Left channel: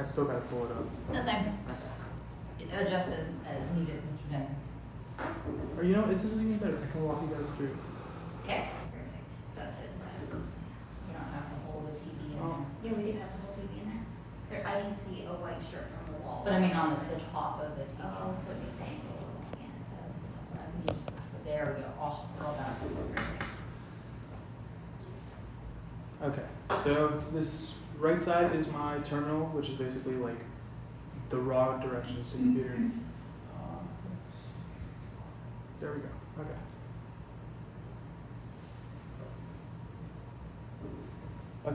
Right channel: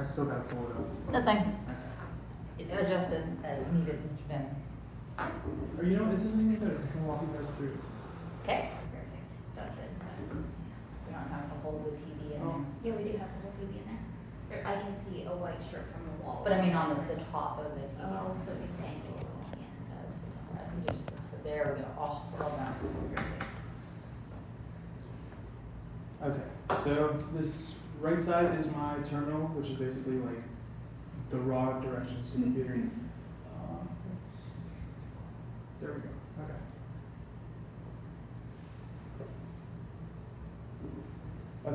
I still gotta pull it up. That's fine. Okay. Adjust as needed, Mr. Ben. Or you know, it isn't even better. I can walk you guys through. Okay, perfect. That's it. You don't have the whole TV in there. Yeah, we do have the whole TV in there. I can see a white strip from the wall. But I mean on the top of the TV. Oh, so it makes sense. There we go. Oh, well done. Okay, so this right side is my terminal, which is basically like the raw directions to the computer. There we go. Okay.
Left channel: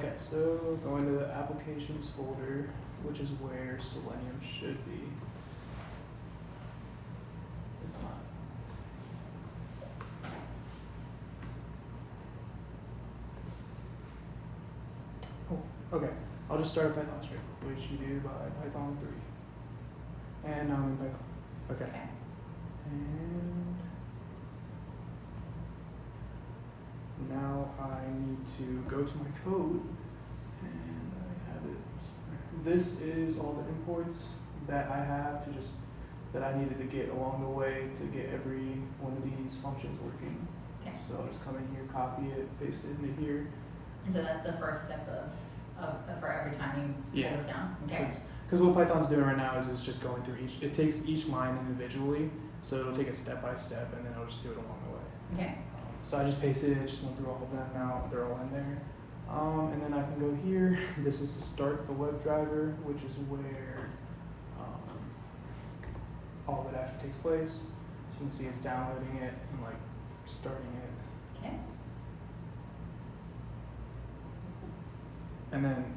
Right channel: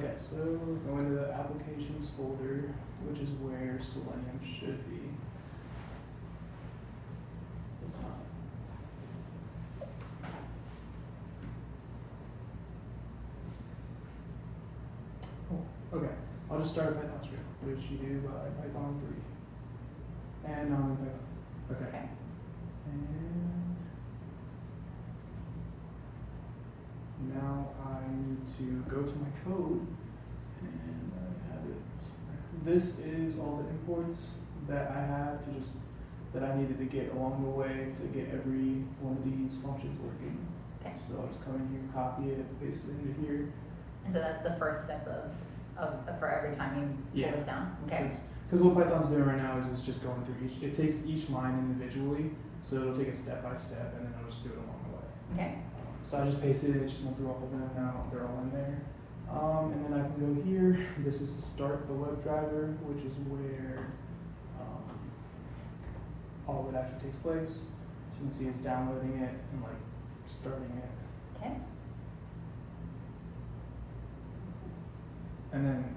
Okay, so go into the applications folder, which is where Selenium should be. It's not. Oh, okay. I'll just start a Python script, which you do by Python 3. And now I'm in Python. Okay. Okay. And now I need to go to my code, and I have it. This is all the imports that I have to just, that I needed to get along the way to get every one of these functions working. Okay. So I'll just come in here, copy it, paste it into here. And so that's the first step of for every time you Yeah. get this down. Okay. Because what Python's doing right now is it's just going through each, it takes each line individually, so it'll take it step by step, and then it'll just do it along the way. Okay. So I just pasted it, just went through all of them, now they're all in there. And then I can go here, this is to start the WebDriver, which is where all of it actually takes place. So you can see it's downloading it and like starting it. Okay. And then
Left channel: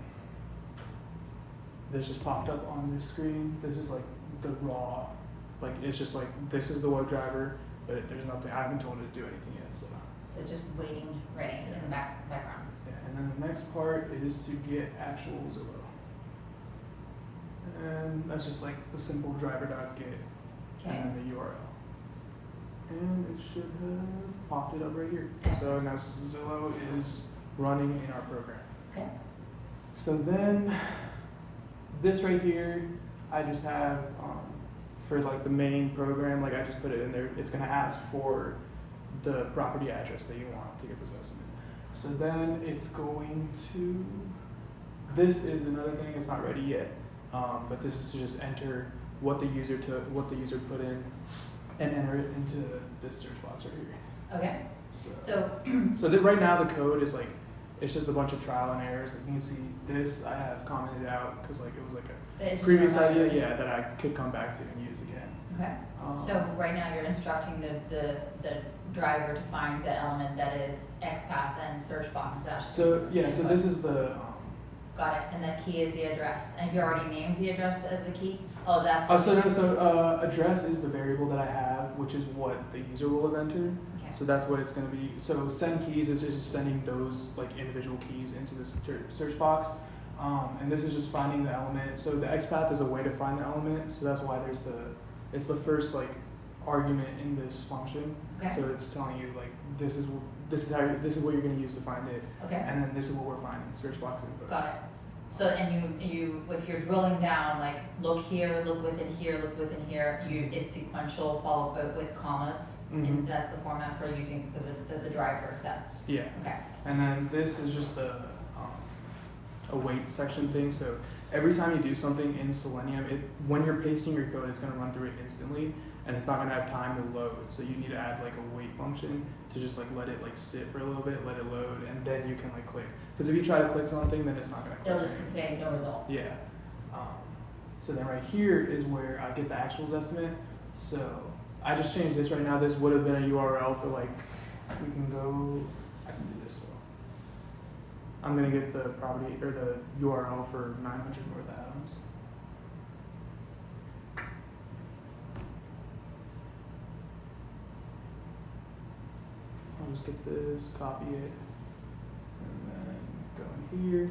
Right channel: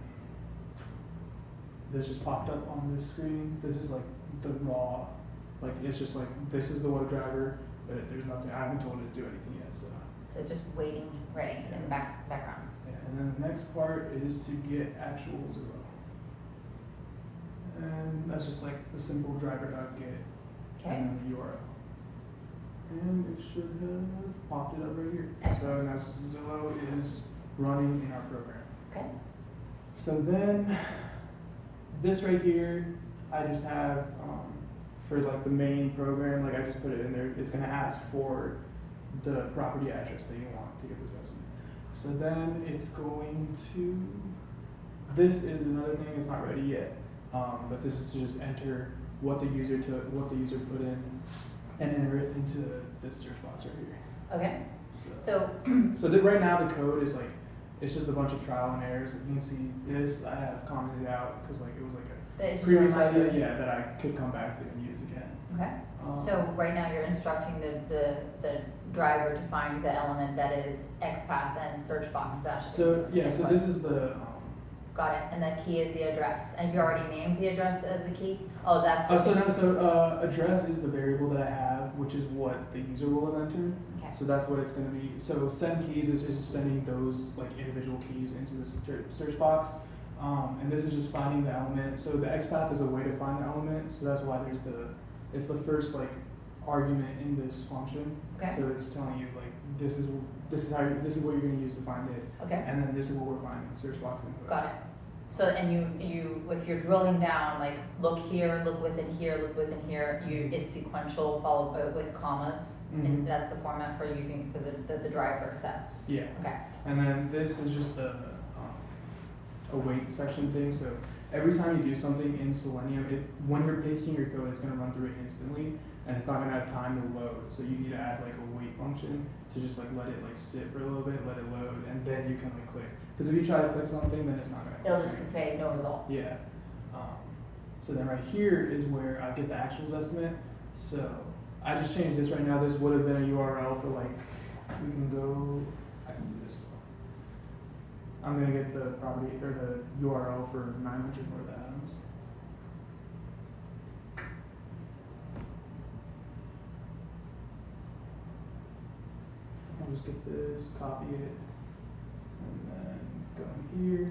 this just popped up on this screen. This is like the raw, like it's just like, this is the WebDriver, but there's nothing, I haven't told it to do anything yet, so. So it's just waiting, ready in the background. Yeah, and then the next part is to get actual Zillow. And that's just like a simple driver.get Okay. and then the URL. And it should have popped it up right here. So now Zillow is running in our program. Okay. So then this right here, I just have for like the main program, like I just put it in there. It's gonna ask for the property address that you want to get this estimate. So then it's going to, this is another thing, it's not ready yet, but this is to just enter what the user put in and enter it into this search box right here. Okay. So, So right now the code is like, it's just a bunch of trial and errors. Like you can see this I have commented out because like it was like a it's previous just a idea, reminder. yeah, that I could come back to and use again. Okay. So right now you're instructing the driver to find the element that is XPath and search box dash. So yeah, so input. this is the Got it. And the key is the address. And you already named the address as the key? Oh, that's the key. address is the variable that I have, which is what the user will have entered. Okay. So that's what it's going to be. So send keys is just sending those like individual keys into the search box. And this is just finding the element. So the XPath is a way to find the element. So that's why it's the first like argument in this function. Okay. So it's telling you like this is what you're going to use to find it. Okay. And then this is what we're finding, search box input. Got it. So, and you, if you're drilling down, like, look here, look within here, look within here, it's sequential followed by with commas, and that's the format for using for the driver accepts. Yeah. Okay. And then this is just a wait section thing. So every time you do something in Selenium, when you're pasting your code, it's going to run through it instantly, and it's not going to have time to load. So you need to add like a wait function to just like let it like sit for a little bit, let it load, and then you can like click. Because if you try to click something, then it's not going to click. It'll just say no result. Yeah. So then right here is where I get the actual Zestimate. So I just changed this right now. This would have been a URL for like, we can go, I can do this as well. I'm going to get the property or the URL for 900 North Adams. I'll just get this, copy it, and then go in here,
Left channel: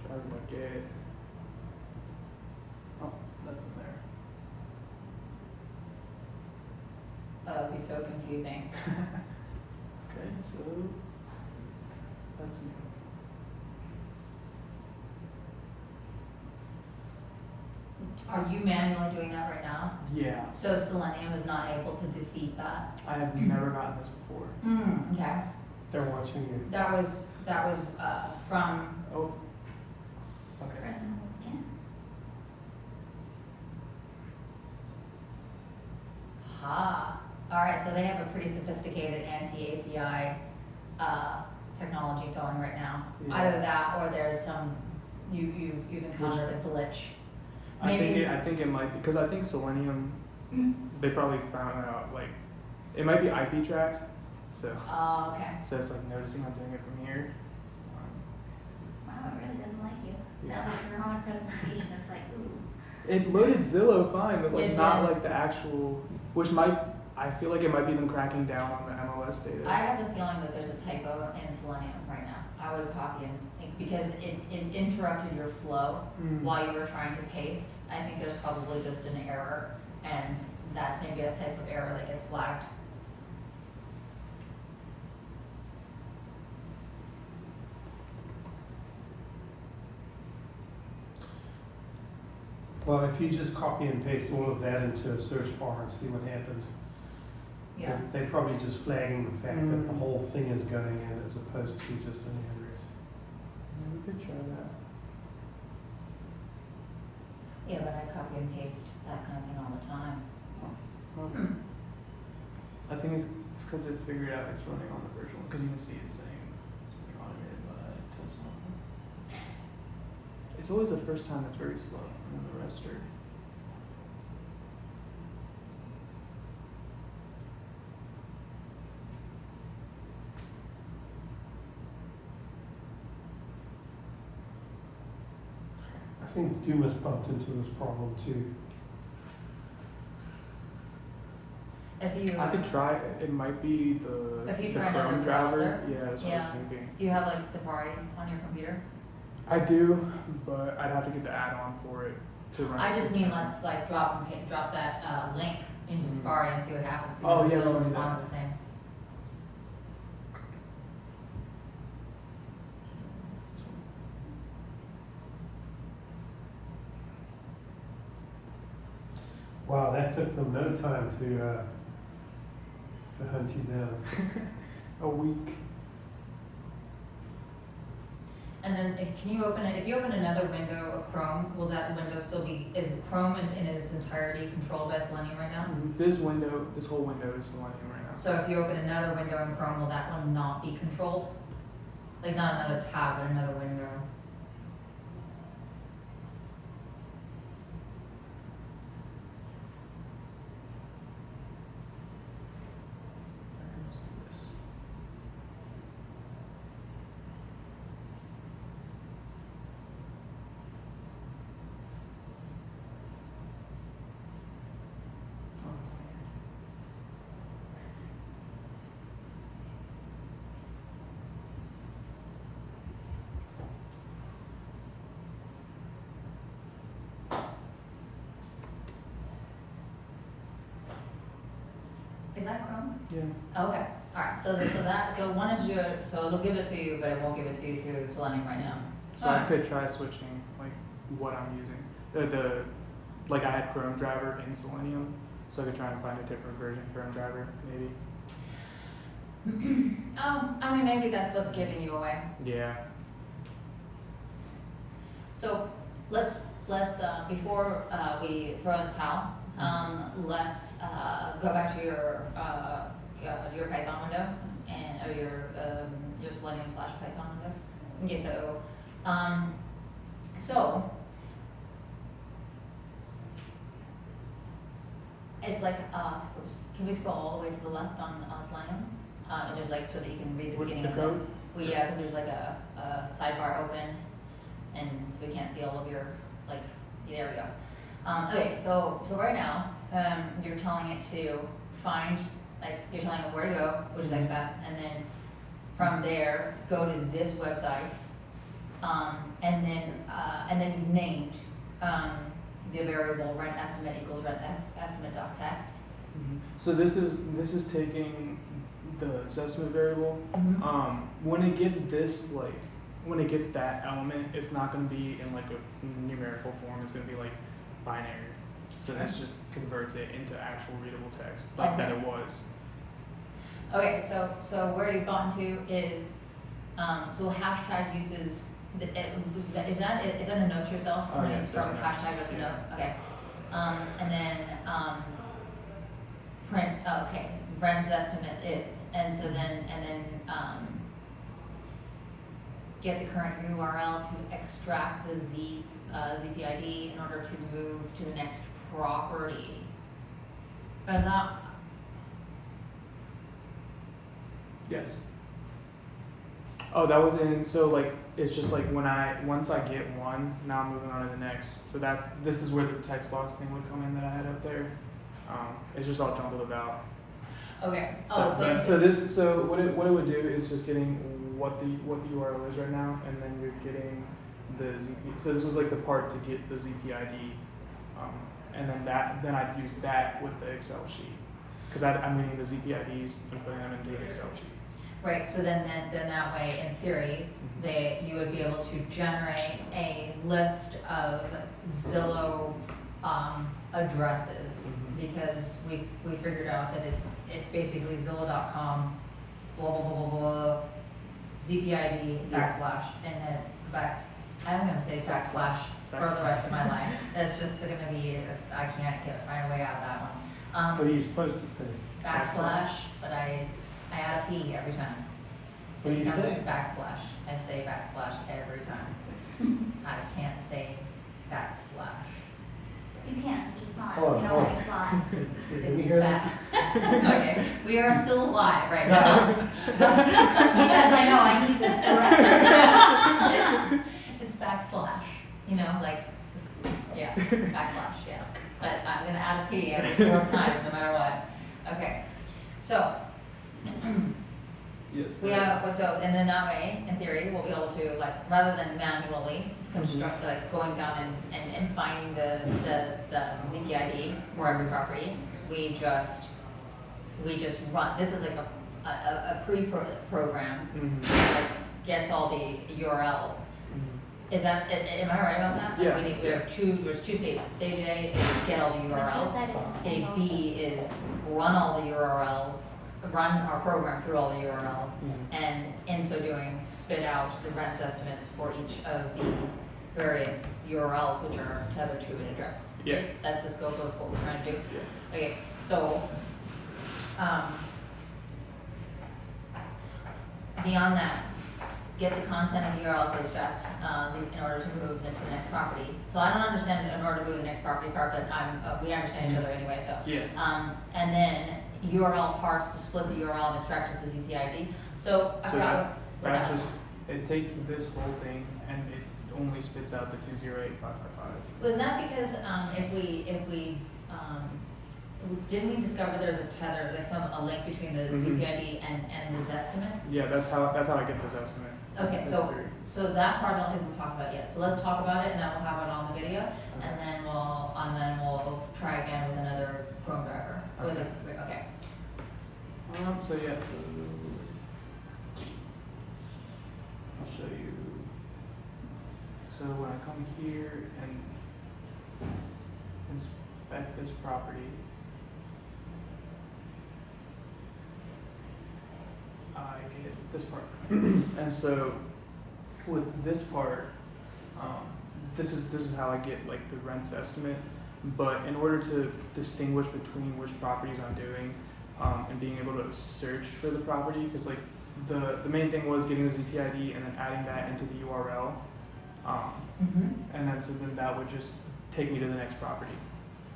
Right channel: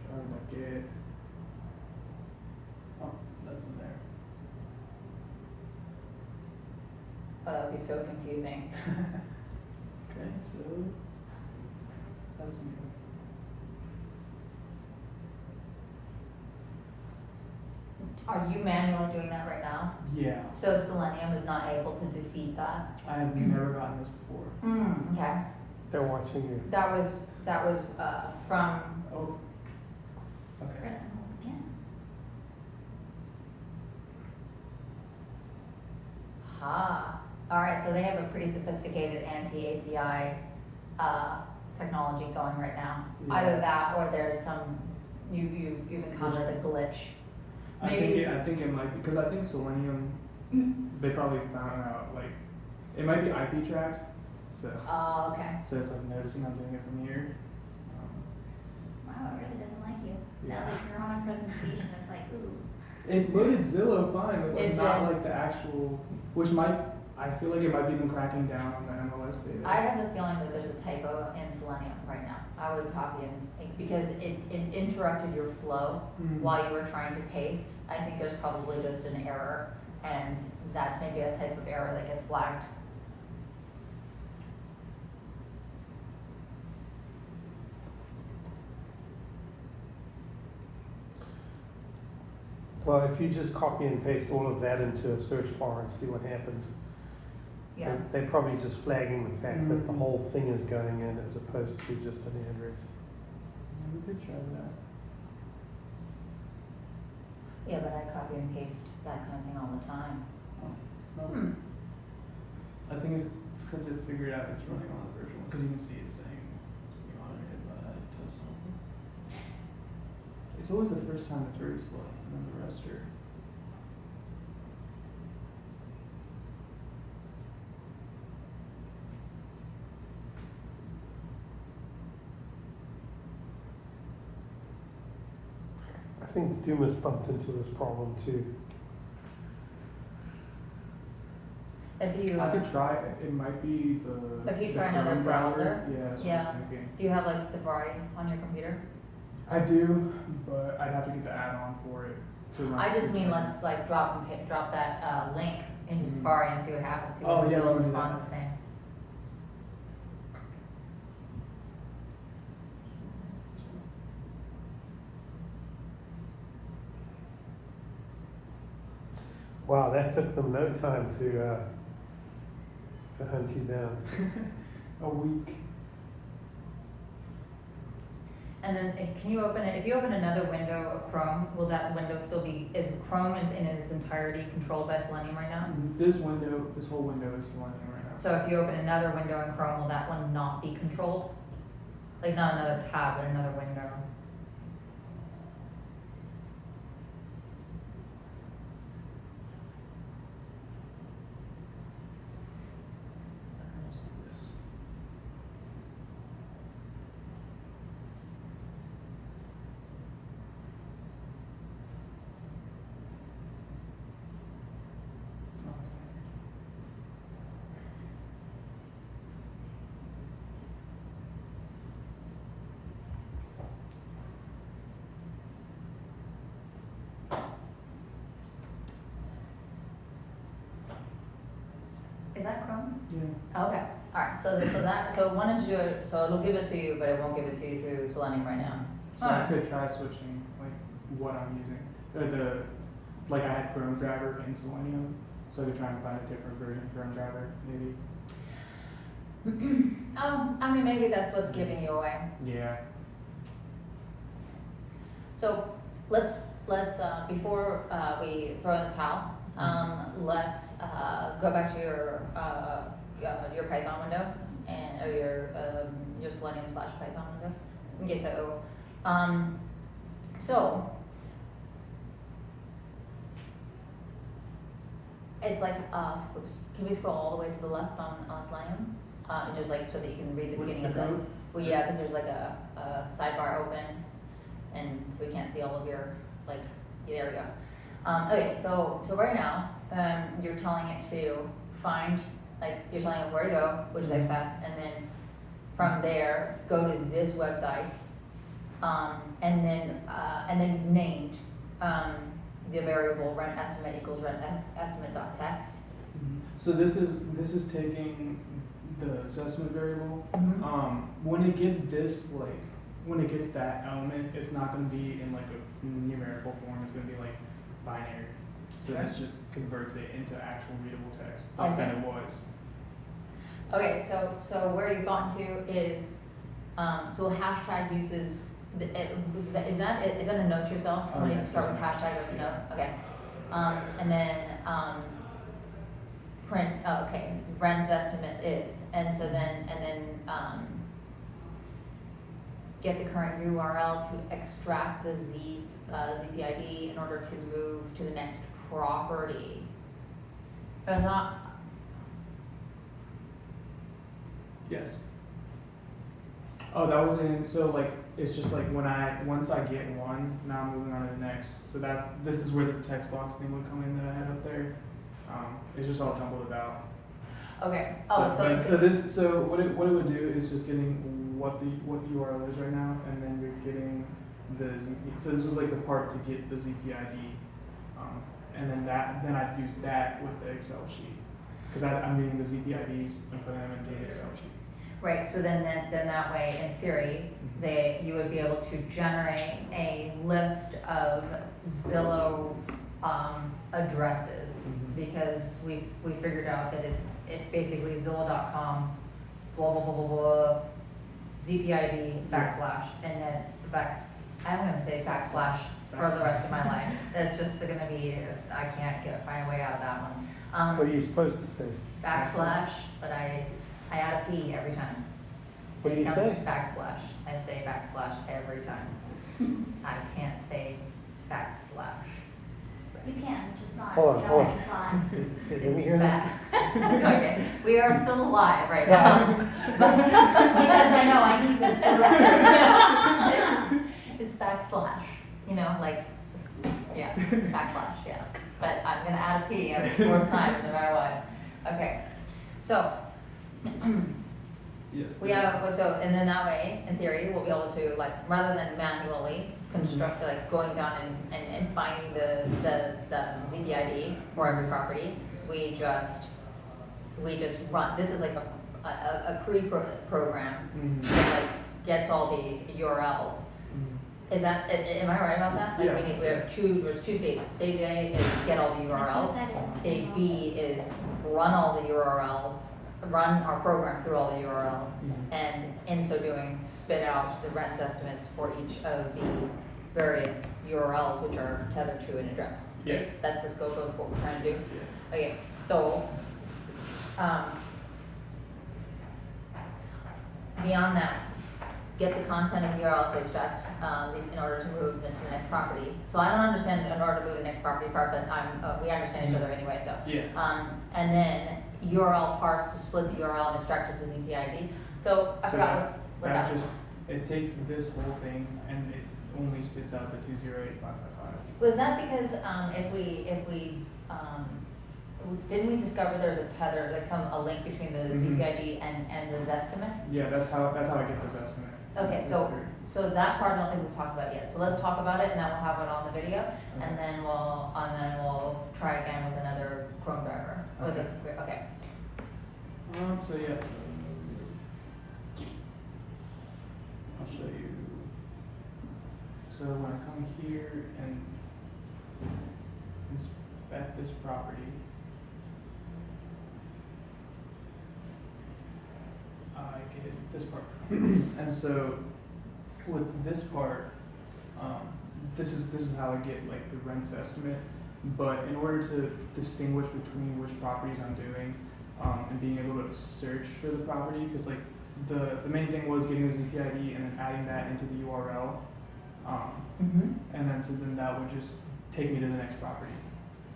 try to get, oh, that's in there. That would be so confusing. Okay, so that's new. Are you manually doing that right now? Yeah, So Selenium is not able to defeat that? I have never gotten this before. Okay. They're watching you. That was, from, Oh, okay. Press and hold again. alright, so they have a pretty sophisticated anti-API, technology going right now. Yeah. Either that or there's some, you've encountered a glitch. Maybe- I think it might be, because I think Selenium, they probably found out, like, it might be IP tracked, so, Oh, okay. so it's like noticing I'm doing it from here. Wow, it really doesn't like you. Yeah. Now that you're on a presentation, it's like, ooh. It loaded Zillow fine, but like It not did. like the actual, which might, I feel like it might be them cracking down on the MLS data. I have the feeling that there's a typo in Selenium right now. I would copy and, because it interrupted your flow Hmm. while you were trying to paste. I think there's probably just an error, and that's maybe a type of error that gets flagged. Well, if you just copy and paste all of that into a search bar and see what happens. Yeah. They're probably just flagging the fact that the whole thing is going in as opposed to just an address. Yeah, we could try that. Yeah, but I copy and paste that kind of thing all the time. No. I think it's because it figured out it's running on the virtual one, because you can see it's saying it's being automated by Tesla. It's always the first time that's very slow, and then the rest are. I think Dumas bumped into this problem too. If you, I could try it. It might be the If you the try another Chrome driver. browser, Yeah, that's what I yeah. was thinking. do you have like Safari on your computer? I do, but I'd have to get the add-on for it to run. I just the mean driver. let's like drop that link into Mhm. Safari and see what happens. See Oh, if yeah, Google we can do responds that. the same. Wow, that took them no time to hunt you down. A week. And then if you open another window of Chrome, will that window still be, is Chrome in its entirety controlled by Selenium right now? This whole window is Selenium right now. So if you open another window in Chrome, will that one not be controlled? Like not another tab, but another window? Let's do this. Oh, it's on here. Is that Chrome? Yeah. Oh, okay, alright, so it wanted to do it, so it'll give it to you, but it won't give it to you through Selenium right now. So I could try switching like what I'm using. Like I had Chrome driver in Selenium, so I could try and find a different version of Chrome driver, maybe. I mean, maybe that's what's giving you away. Yeah. So let's before we throw in the towel, let's go back to your Python window or your Selenium / Python windows. And get to so it's like can we scroll all the way to the left on Selenium and just like so that you can read the With beginning the of code? Well, yeah, because there's like a sidebar open, and so we can't see all of your, like, there we go. Okay, so right now, you're telling it to find, like, you're telling it where to go, which is XPath, and then from there, go to this website, and then named, the variable rent estimate equals rent estimate.text. So this is taking the Zestimate variable. When it gets when it gets that element, it's not going to be in like a numerical form. It's going to be like binary. So this just converts it into actual readable text, like that it was. Okay, so where you've gotten to is, so hashtag uses, is that a note to yourself? Oh, When yeah, you start with that's hashtag, that's a yeah. note, okay. And then, print, okay, Ren's estimate is, and so then, get the current URL to extract the ZPID in order to move to the next property. But it's not, Yes. Oh, that was in, so like, it's just like once I get one, now I'm moving on to the next. So this is where the text box thing would come in that I had up there. It's just all jumbled about. okay, So, so what it would do is just getting what the URL is right now, and then you're getting the ZP. So this was like the part to get the ZPID, and then I'd use that with the Excel sheet, because I'm getting the ZPIDs and putting them into an Excel sheet. right, so then that way, in theory, you would be able to generate a list of Zillow addresses, because we figured out that it's basically Zillow.com, blah blah blah blah blah, ZPID backslash, and then I'm gonna say backslash for the rest of my life. That's just gonna be, I can't find a way out of that one. What are you supposed to say? Backslash, but I add a P every time. What do you It comes say? Backslash. I say backslash every time. I can't say backslash. You can, just not, Hold on, you know, hold on. it's fine. Did we hear this? Okay, we are still alive right now. Because I know I need this for It's backslash, you know, like, yeah, backslash, yeah. But I'm gonna add a P every fourth time, no matter what. Okay, so, Yes. we have, so, and then that way, in theory, we'll be able to, like, rather than manually construct, like, going down and finding the ZPID for every property, we just run, this is like a pre-program that gets all the URLs. Is that, am I right about that? Like, Yeah. there's two stages. Stage A is get all the URLs. Stage B is run all the URLs, run our program through all the URLs, and in so doing, spit out the rent estimates for each of the various URLs which are tethered to an address. Yeah. Okay? That's the scope of what we're trying to do. Yeah. Okay, so, beyond that, get the content of the URL to extract, in order to move them to the next property. So I don't understand in order to move the next property part, but we understand each other anyway, so. Yeah. And then URL parts to split the URL and extract as the ZPID. So I So forgot what that was. just, it takes this whole thing and it only spits out the 208555. Was that because, didn't we discover there's a tether, like a link between the ZPID and the Zestimate? Yeah, that's how I get this estimate. Okay, It's so, through. so that part I don't think we've talked about yet, so let's talk about it and then we'll have it on the video, Okay. and then we'll try again with another Chrome driver. Okay. So yeah, I'll show you. So when I come here and inspect this property, I get this part. And so with this part, this is how I get like the rents estimate. But in order to distinguish between which properties I'm doing, and being able to search for the property, because like the main thing was getting the ZPID and then adding that into the URL, and then so then that would just take me to the next property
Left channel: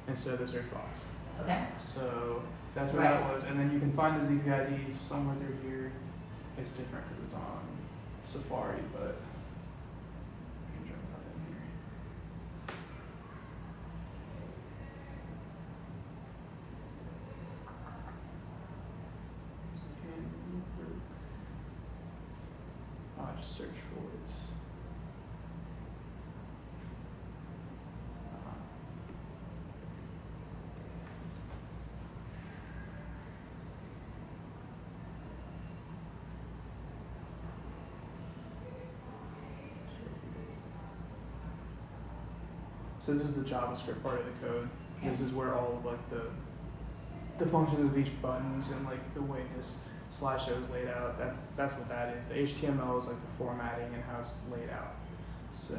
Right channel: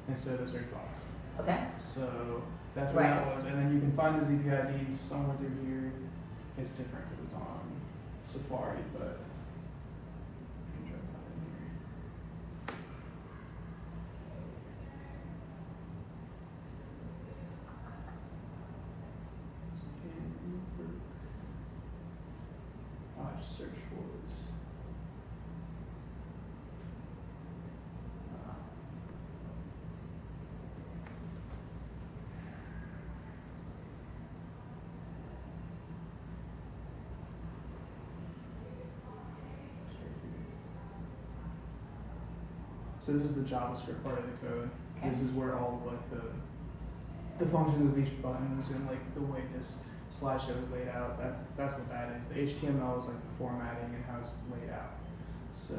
instead of the search box. Okay. So that's where that was, and then you can find the ZPID somewhere through here. It's different because it's on Safari, but I can try to find it here. I'll just search for it. So this is the JavaScript part of the code. Okay. This is where all of like the functions of each buttons and like the way this slideshow is laid out. That's what that is. The HTML is like the formatting and how it's laid out. So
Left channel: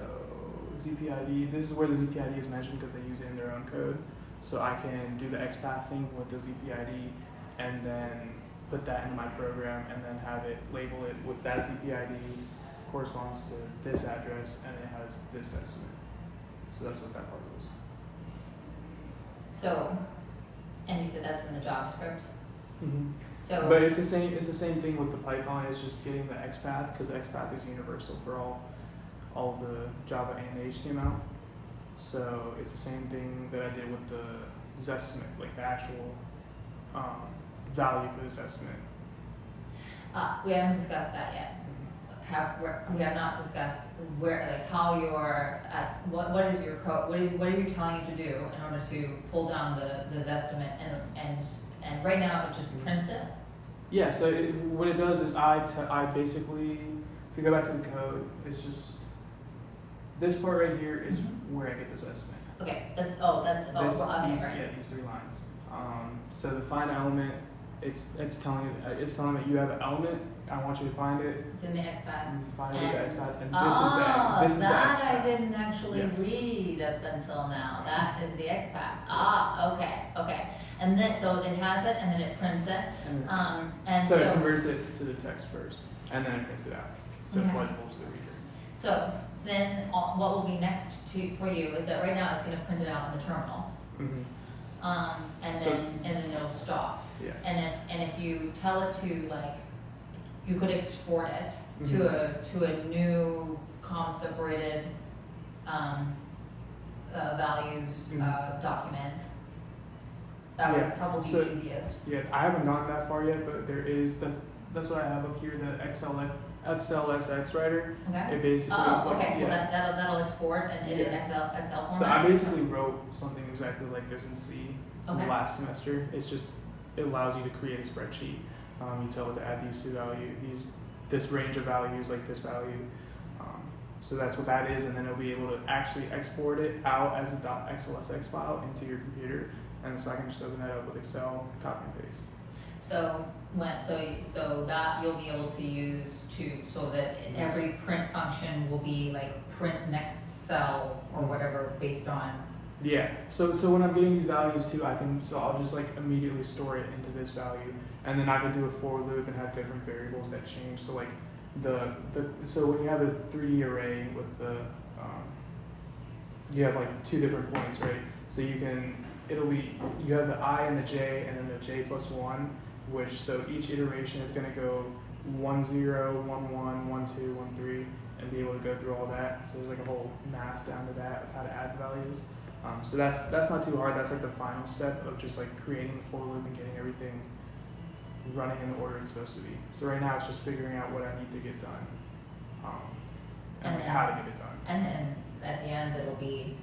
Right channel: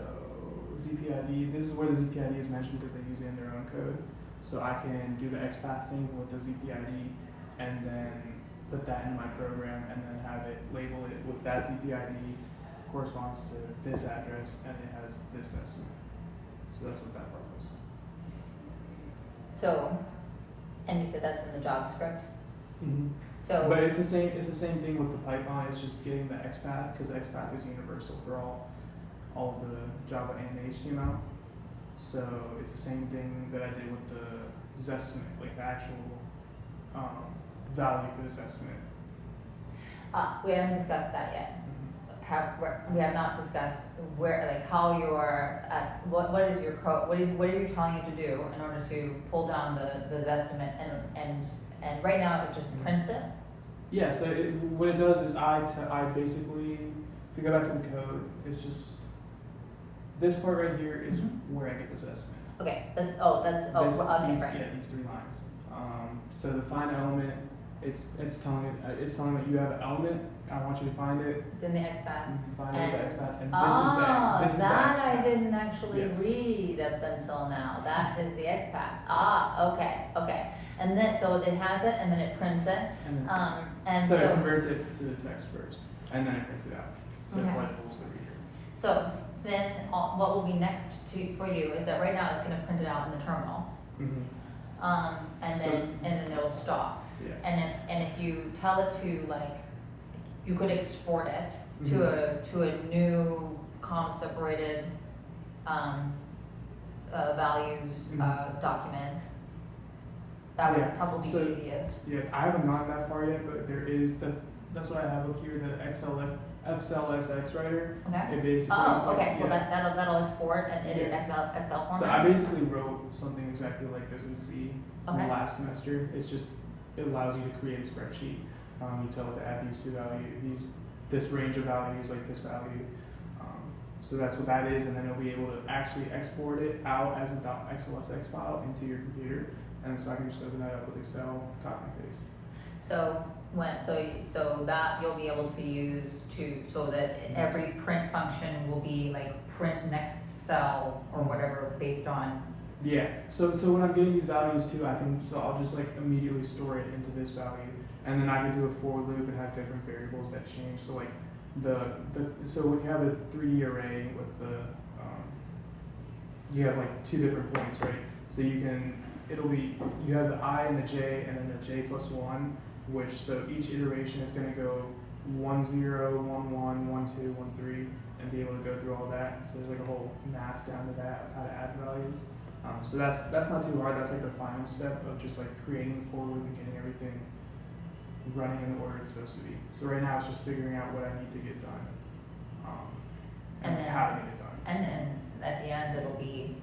ZPID, this is where the ZPID is mentioned because they use it in their own code. So I can do the XPath thing with the ZPID and then put that into my program and then have it label it with that ZPID corresponds to this address and it has this estimate. So that's what that part was. So, and you said that's in the JavaScript? So. But it's the same. It's the same thing with the Python. It's just getting the XPath because the XPath is universal for all of the Java and the HTML. So it's the same thing that I did with the Zestimate, like the actual value for this estimate. We haven't discussed that yet. We have not discussed where, like, how you're at. What is your code? What are you telling it to do in order to pull down the Zestimate and right now it just prints it? Yeah. So what it does is I basically, if you go back to the code, it's just this part right here is where I get this estimate. Okay. Okay. These, Right. Yeah, these 3 lines. So the find element, it's telling it you have an element. I want you to find it. It's in the XPath. Find it with the XPath, and This is the that XPath. I didn't actually Yes. read up until now. That is the XPath. Okay. And then so it has it, and then it prints it. And so it converts it to the text first, and then it prints it out, so it's Okay. legible to the reader. So then what will be next for you is that right now it's going to print it out in the terminal, and So- then it'll stop. Yeah. And if you tell it to, like, you could export it Mhm. to a new comma separated values Mhm. document. That would Yeah, probably so- be easiest. Yeah, I haven't gone that far yet, but there is that's what I have up here, the XLSX writer. Okay. It basically. Oh, okay. Yeah. Well, that'll export and in Yeah. Excel format. So I basically wrote something exactly like this in C Okay. last semester. It's just it allows you to create a spreadsheet. You tell it to add these 2 values, this range of values, like this value. So that's what that is, and then it'll be able to actually export it out as a .xlsx file into your computer, and so I can just open that up with Excel, copy and paste. So so that you'll be able to use so that every print function will be like print next cell or whatever based on. Yeah. So when I'm getting these values too, I'll just like immediately store it into this value, and then I can do a for loop and have different variables that change. So like so when you have a 3D array with you have like 2 different points, right? So you have the I and the j, and then the j plus 1, which so each iteration is going to go 1 0, 1 1, 1 2, 1 3, and be able to go through all that. So there's like a whole math down to that of how to add values. So that's not too hard. That's like the final step of just like creating the for loop and getting everything running in the order it's supposed to be. So right now it's just figuring out what I need to get done, and like how to get it done. And then at the end it'll be.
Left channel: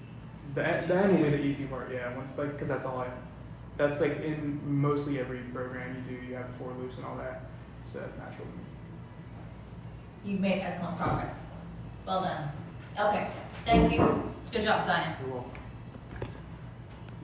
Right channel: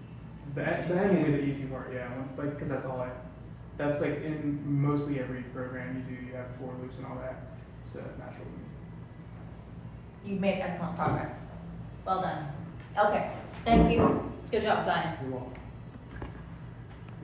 The end will be the easy part, yeah. Once like because that's like in mostly every program you have for loops and all that, so that's natural to me. You've made excellent progress. Well done. Okay. Thank you. Good job, Zayan. You're welcome.